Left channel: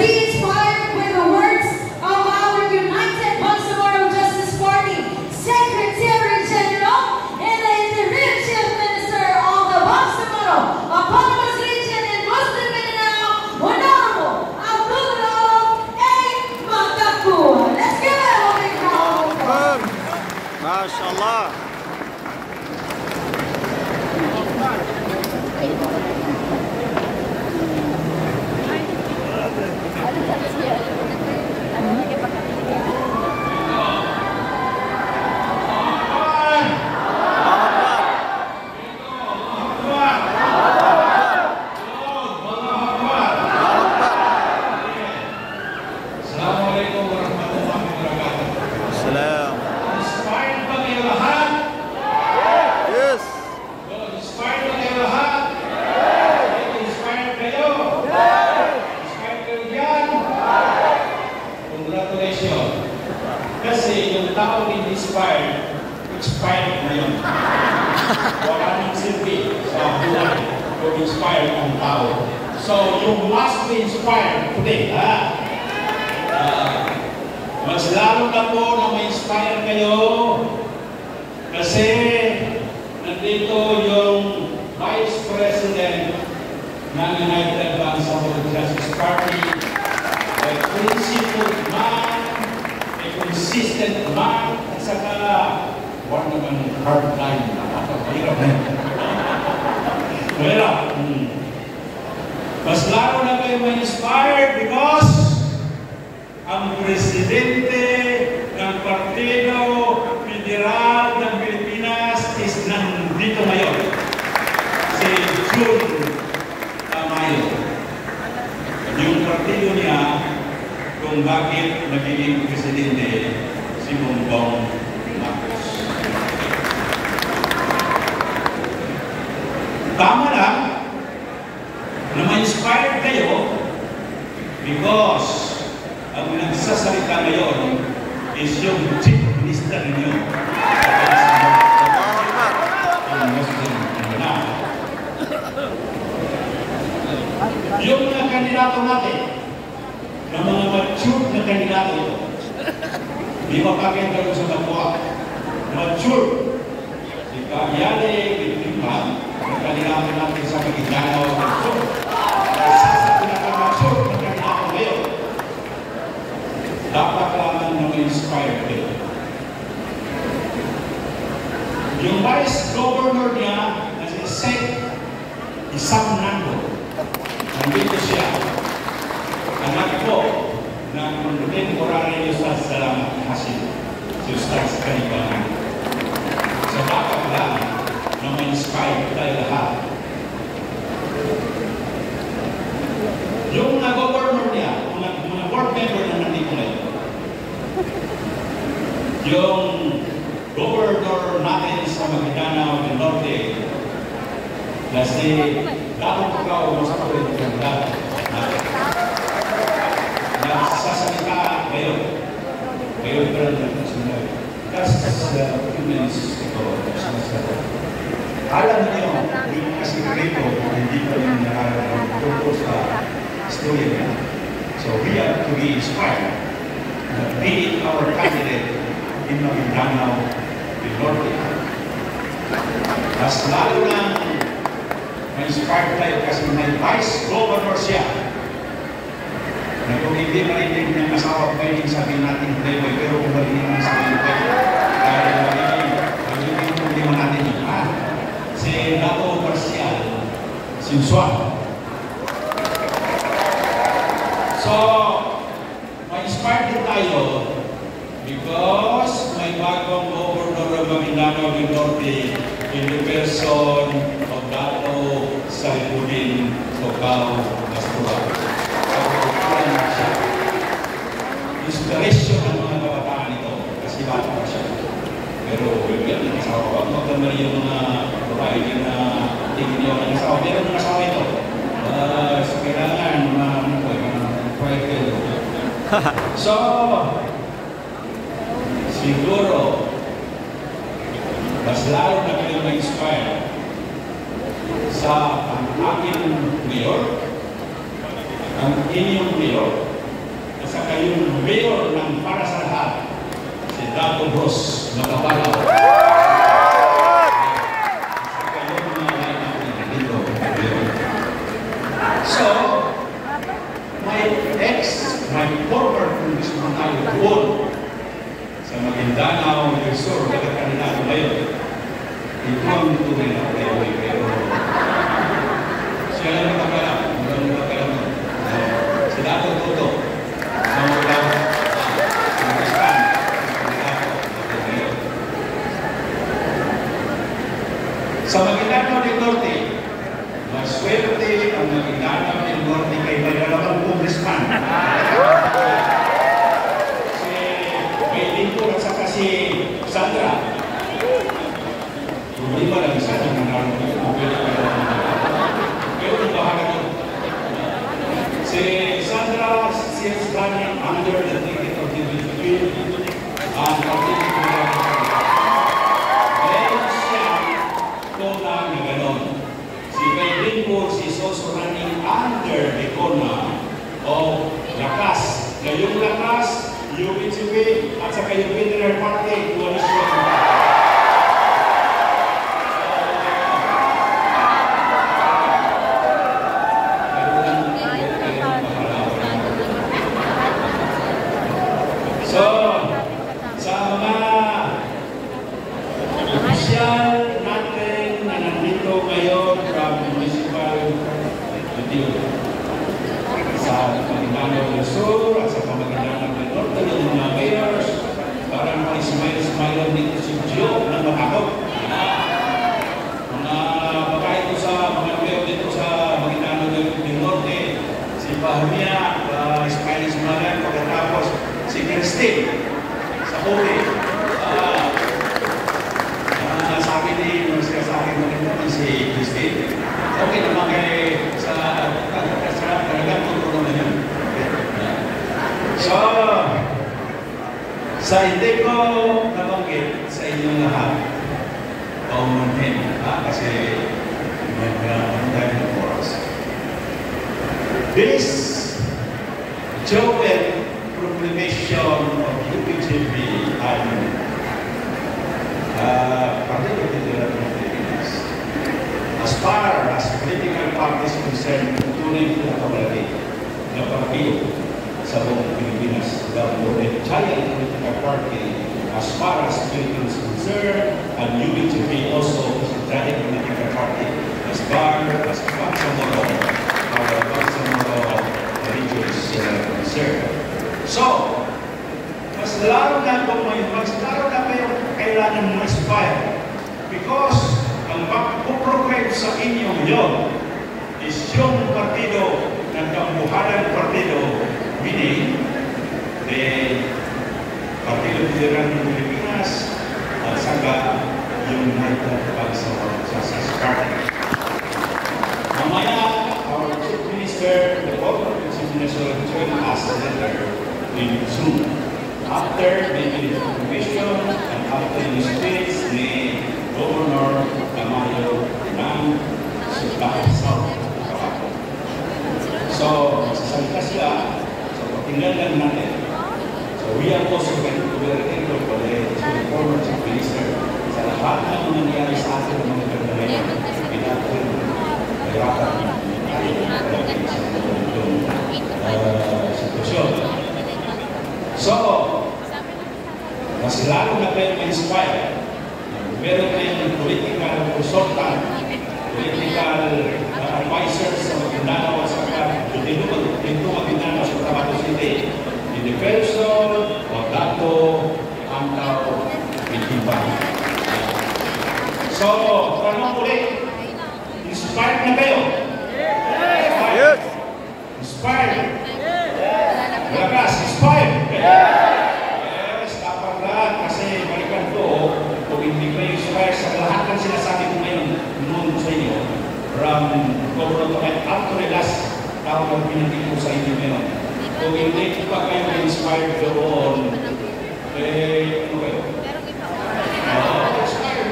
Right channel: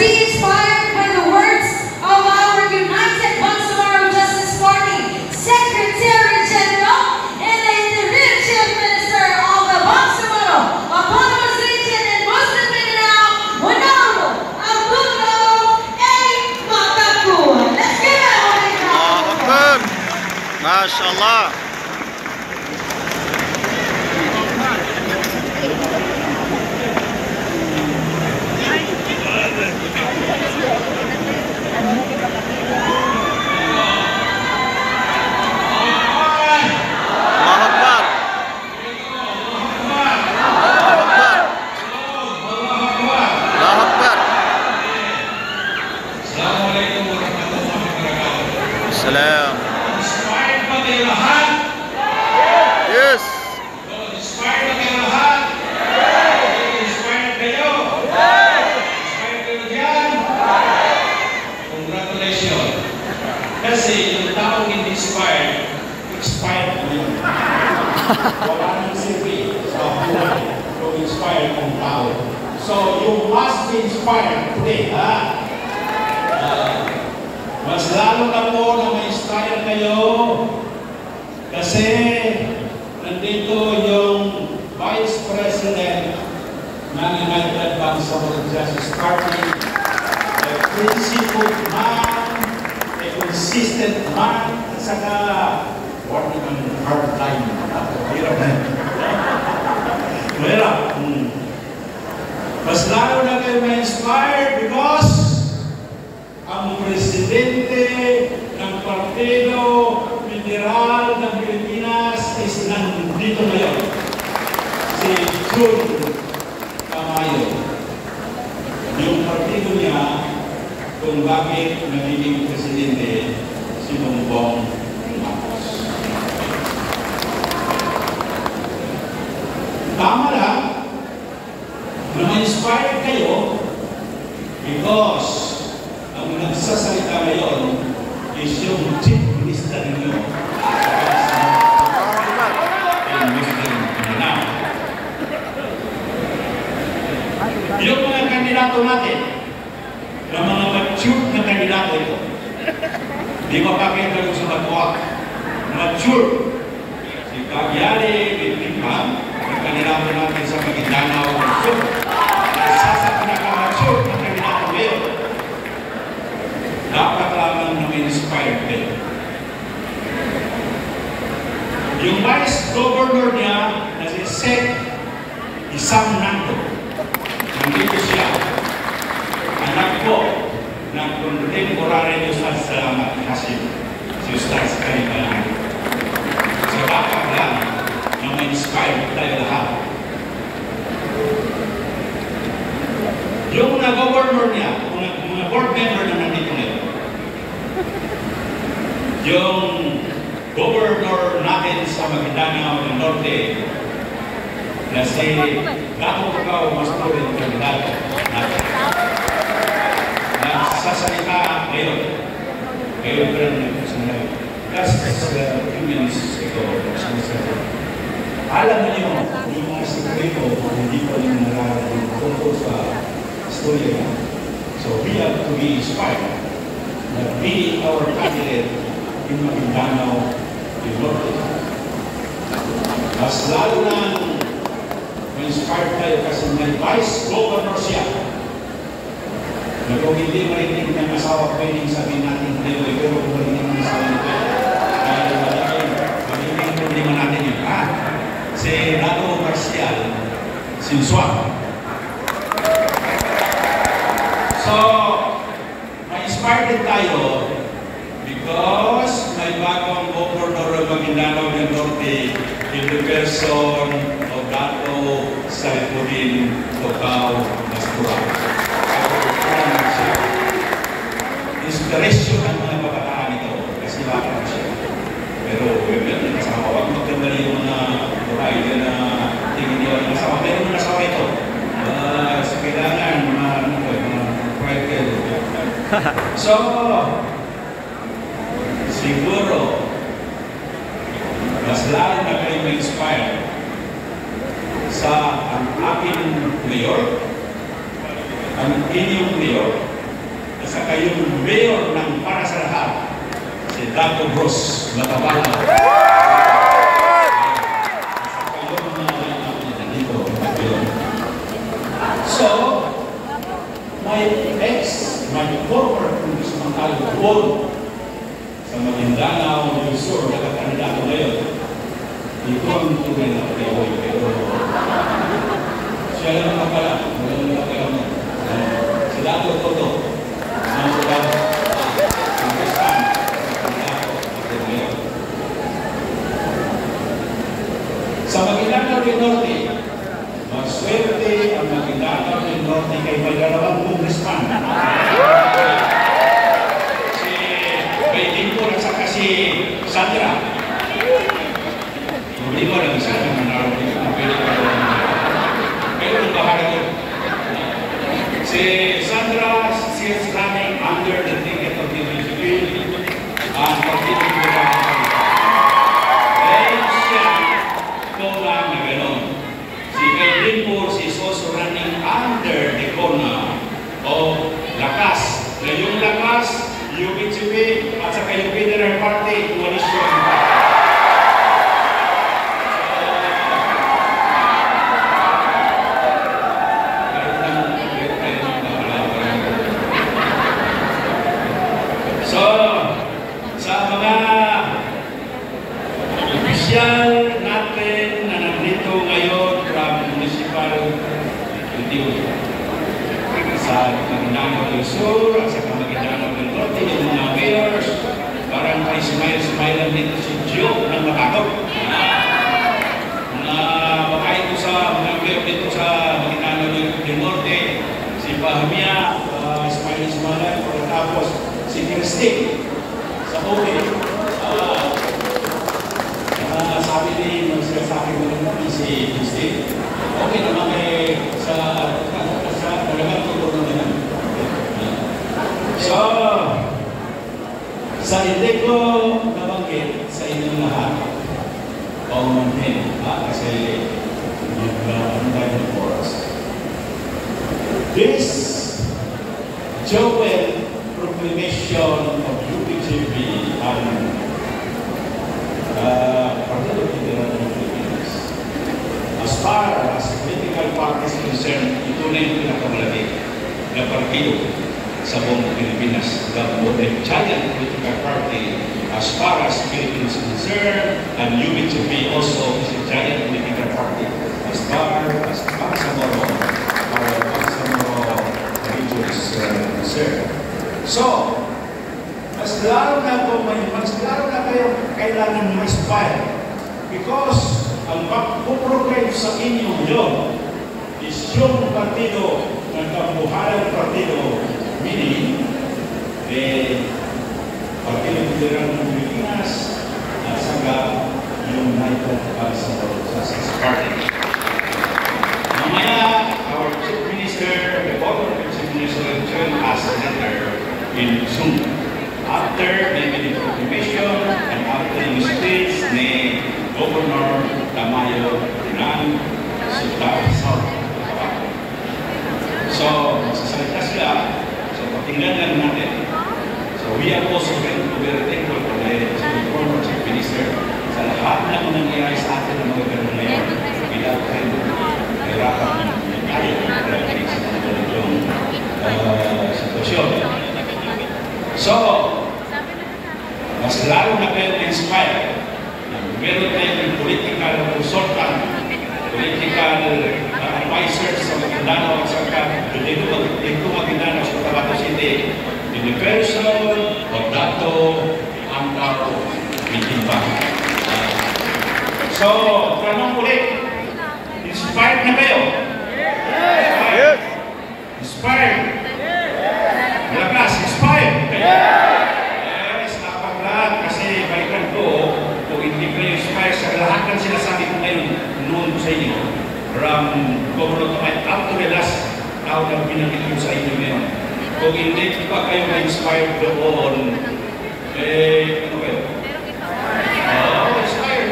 be inspired by the words of our United Bangsamoro Justice Party Secretary General and the Interim Chief Minister of the Bangsamoro Autonomous Region in Muslim Mindanao, Honorable Abdullah A. Makakua. Let's give it a round. MashaAllah. Salam. Inspired ba kayo lahat? Yes. Inspired ba kayo lahat? Inspired kayo? Inspired kayo dyan? Congratulations. Kasi yung taong hindi inspired, expired na yun. Wala nang silbi sa buhay kung inspired ang tao. So you must be inspired today, ha? Mas lalo na po na ma-inspire kayo kasi nandito yung Vice President ng United Bangsamoro Justice Party, a principled man, a consistent man, at saka huwag naman hardline. Mahirap na. Mahirap. Mas lalo na kayo ma-inspired because ang presidente ng Partido Federal ng Pilipinas is nandito ngayon, si Jun Tamayo. Yung partido niya kung bakit naging presidente si Bongbong Marcos. Tama lang na ma-inspire kayo because ang nagsasalita ngayon is yung Chief Minister ninyo. Yung mga kandidato natin, ng mga mature na kandidato ito, di makakita ko sa Batwa, mature. Si Kagyali, Bitriman, ang kandidato natin sa Maguindanao, mature. Isa sa pinaka-mature na kandidato ngayon, dapat lamang na-inspire kayo. Yung Vice Governor niya na si Seth Isam Nando, nandito siya. Anak ko ng contemporary niyo sa Salamat Hasim, si Ustaz Kalibalan. So dapat lang na ma-inspire tayo lahat. Yung na-governor niya, mga board member na nandito ngayon, yung governor natin sa Maguindanao ng Norte na si Dato Pagao Masturin kandidato natin. Nagsasalita ngayon. Ngayon pa rin yung sinabi. Kasi sa 2 minutes ago, nagsasalita. Alam niyo yung mga sekreto hindi pa yung nakakapagpunto sa story. So we have to be inspired. Be our candidate in Maguindanao, in Norte. Mas lalo na ma-inspired tayo kasi may Vice Governor siya. Na kung hindi marinig ng asawa, pwedeng sabihin natin hindi, pero kung marinig ng asawa nito, marinig kung hindi natin yun. Si Dato Marcial Sinsuan. So, ma-inspired din tayo because may bagong governor ng Maguindanao del Norte in the person of Dato Saifuddin Tocao Mastura. Inspiration ang mga kabataan ito kasi bata na siya. Pero ganun yung asawa, huwag maganda yung mga provider na tingin niyo ang asawa. Pero yung asawa ito, sa kailangan so, siguro, mas lalo na kayo ma-inspire sa ang aking mayor, ang inyong mayor, at saka yung mayor ng para sa lahat, si Dato Bros Matabalaw. So, my former Congressman Aldo Buon sa Maguindanao del Sur, nagkakandidato ngayon, ito ang tunay na playboy, pero siya lang nakakala, walang nakakala. Si Dato Toto, sa mga Pakistan, sa Maguindanao del Norte, maswerte ang Maguindanao del Norte kay may dalawang congressman. Si kay Dinpur at saka si Sandra. Hindi ko alam sila ng manalo nito. Pero ang bahala yun. Si Sandra, she is running under the ticket of the BJP and continuing to run. Dahil siya, ito lang na gano'n. Si Kay Dinpur is also running under the corner of Lakas. Na yung Lakas, yung BJP, at saka yung Federal Party, coalition ng party. So, sa mga opisyal natin na nandito ngayon from Municipal Executive sa Maguindanao del Sur at sa Maguindanao del Norte, yung mga mayors, parang may smile lang dito si Joe ng Makakot. Mga makain ko sa mga mayor dito sa Maguindanao del Norte, si Bahmia, smile, tapos si Christine sa Kobe. Sabi ni siya sa akin maganda si Christine. Okay naman kayo sa talagang tutulong na yan. So, sa hindi ko nabanggit sa inyong lahat, paumanhin, kasi mag-dahil po oras. This joint proclamation of UPGP Partido Federal of Philippines. As far as political parties concerned, ito na yung pinakamalaki na partido sa buong Pilipinas. The giant political party as far as Philippines is concerned, and UPGP also is a giant political party as far as Bangsamoro, our Bangsamoro region is concerned. So, mas lalo na kayo kailangan ma-inspire because ang magpuprogram sa inyo yun is yung partido ng kambuhalang partido, meaning Partido Federal ng Pilipinas at saka yung United Bangsamoro Party. Mamaya, our Chief Minister, the Government Chief Minister, will join us later in Zoom. After maybe the proclamation and after the speech ni Governor Tamayo ng Sultan. So, sasalita sila, so patingnan lang natin. So, we are also very thankful for the former Chief Minister sa lahat ng nangyayari sa atin ng mga ganun ngayon. Without him, mahirapan tayo para sa itong sitwasyon. So, mas lalo na kayo na-inspire. Meron tayong political consultant, political advisors sa Maguindanao at saka dito Maguindanao sa Cotabato City in the person of Dato Amaro Bitimba. So, tanong ulit, inspired na kayo? Yes! Inspired? Lakas, inspired? Kung hindi kayo inspire sa lahat ng sinasabi ko ngayon noon sa inyo from Governor up to the last tao na pinagin ko sa inyo ngayon. Kung hindi pa kayo na-inspired doon, ano kayo? Inspired.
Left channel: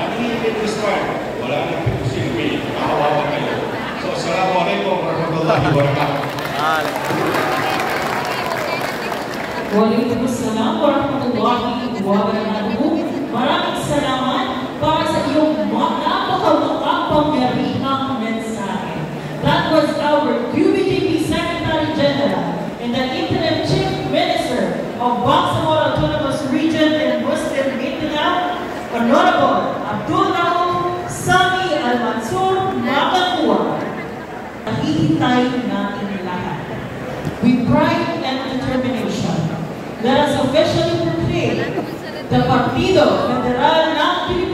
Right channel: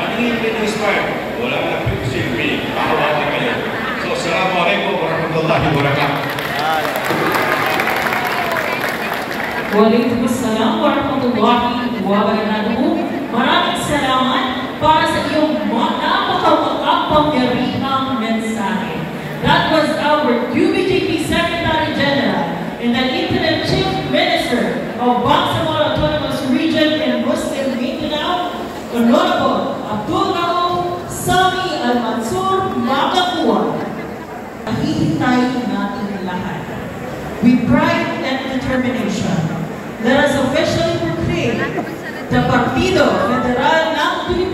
Ano hindi kayo inspired? Wala na pinagsilbi. Nakawa na kayo. So, assalamualaikum warahmatullahi wabarakatuh. Waalaikumsalam warahmatullahi wabarakatuh. Maraming salamat para sa iyong napakapangyarihang mensahe. That was our QBGP Secretary General and the Interim Chief Minister of Bangsamoro Autonomous Region in Muslim Mindanao, Honorable Abdul Rauf Sami Al-Mansur Makakuwa. Nahihintay natin lahat. With pride and determination, let us officially proclaim the Partido Federal ng Pilipinas